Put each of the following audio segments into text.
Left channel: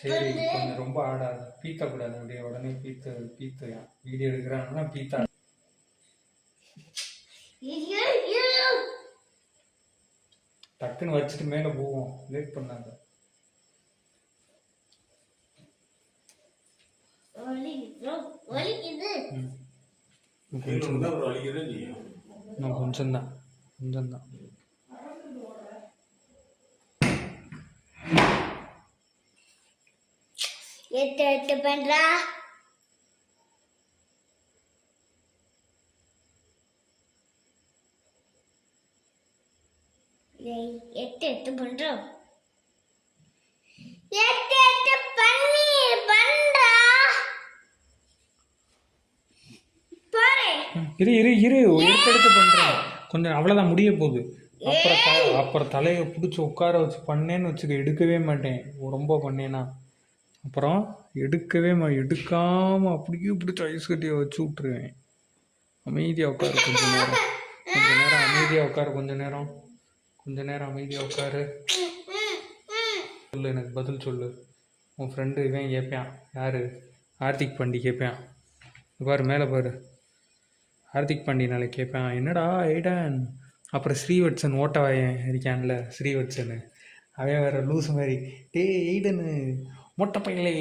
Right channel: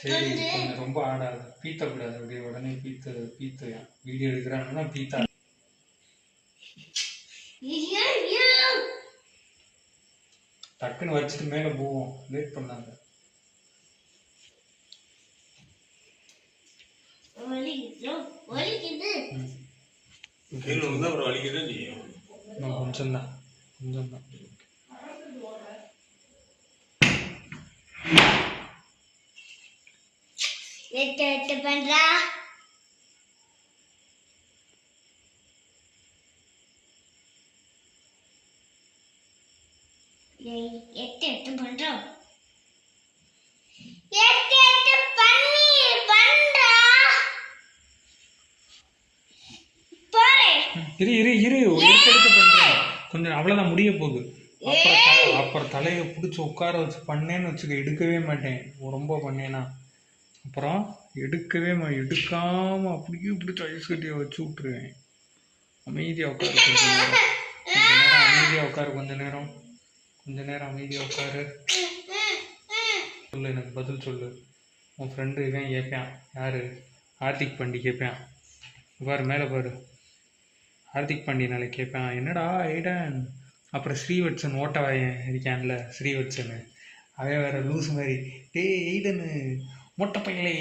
சரி கொஞ்சம் ரொம்ப ஆடாது, பீத்தக்கூடாது. அப்படியே உடனே பீத்து வீடியோ எடுக்கிறாங்கன்னா பீத்தா. டக்குன்னு வச்சுட்டு மேலே போவோம், லேட் பண்ணாங்க. கொஞ்சம்தான் கொஞ்சம்தான். எட்டு பண்றா எட்டு பண்றோம். எட்டு பண்றா பாரு. இரு எடுத்து பண்றேன். கொஞ்சம் அவ்வளவுதான், முடிய போகுது. அப்புறம் தலையை பிடிச்சி உட்கார வச்சு பண்ணேன்னு வச்சுக்க, எடுக்கவே மாட்டேன். ரொம்ப பண்ணேன்னா அப்புறம் எடுக்காம அப்படியே பிடிச்சி ஐஸ் கட்டியை வச்சு விட்டுருவேன். அமைதியாக உட்காரு கொஞ்ச நேரம், அமைதியாக உட்காரு கொஞ்ச நேரம் அமைதியாக உட்காரு. சொல்லு, எனக்கு பதில் சொல்லு. உன் ஃப்ரெண்டு இவன் கேட்பான், யாரு? ஹார்திக் பாண்டி கேட்பான். பாரு மேலே பாரு, ஹார்திக் பாண்டி நாளைக்கு கேட்பான், என்னடா ஐடன். அப்புறம் ஸ்ரீவத்சன் ஓட்டவாயன் இருக்கான்ல, ஸ்ரீவத்சனு, அவன் வேற லூஸ் மாதிரி, எய்டனு மொட்டை பையலே,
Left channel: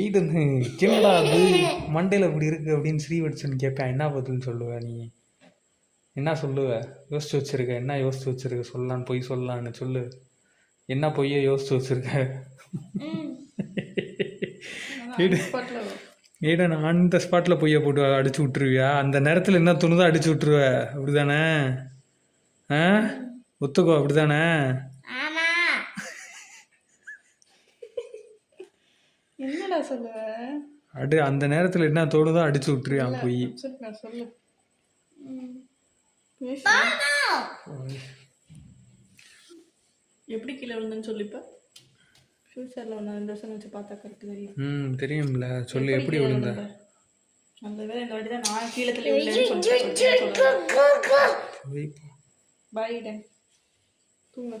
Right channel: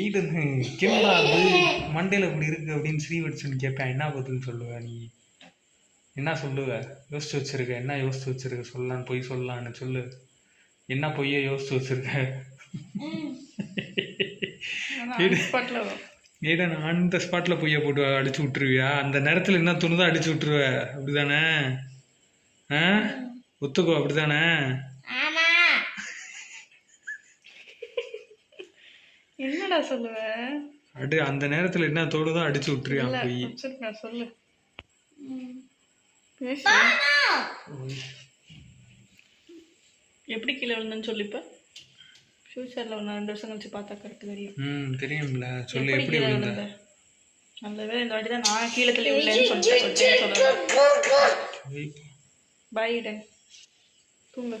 எய்டனு கேடா அது மண்டையில் அப்படி இருக்கு அப்படின்னு ஸ்ரீவத்சன் கேட்பேன். என்ன பதில் சொல்லுவ நீ? என்ன சொல்லுவ? யோசிச்சு வச்சிருக்க? என்ன யோசிச்சு வச்சிருக்க? சொல்லலான்னு, பொய் சொல்லலான்னு சொல்லு. என்ன பொய்ய யோசிச்சு வச்சிருக்க? ஏடா நான் அந்த ஸ்பாட்டில் பொய்யை போட்டு அடிச்சு விட்டுருவியா? அந்த நேரத்தில் என்ன துணுதான் அடிச்சு விட்டுருவ, அப்படிதானே? ஒத்துக்கோ, அப்படிதானே? என்னடா சொல்லுவ? அந்த நேரத்தில் என்ன தோணுதான் அடிச்சு விட்டுருவியா பொய்? சொல்லு. எப்படி கீழே விழுந்தேன்னு சொல்லிப்ப. ஃபியூச்சரில் ஒன்று 2 வருஷம் கழிச்சு பார்த்தா கரெக்ட் தெரியும். தெரியும்ல, சொல்லு எப்படி விழுந்த. அந்த வேலை இந்த வாட்டி தான் நான் கீழே தள்ளி விழுந்தேன்னு சொல்லிட்டு. பாய் டன், தூங்க.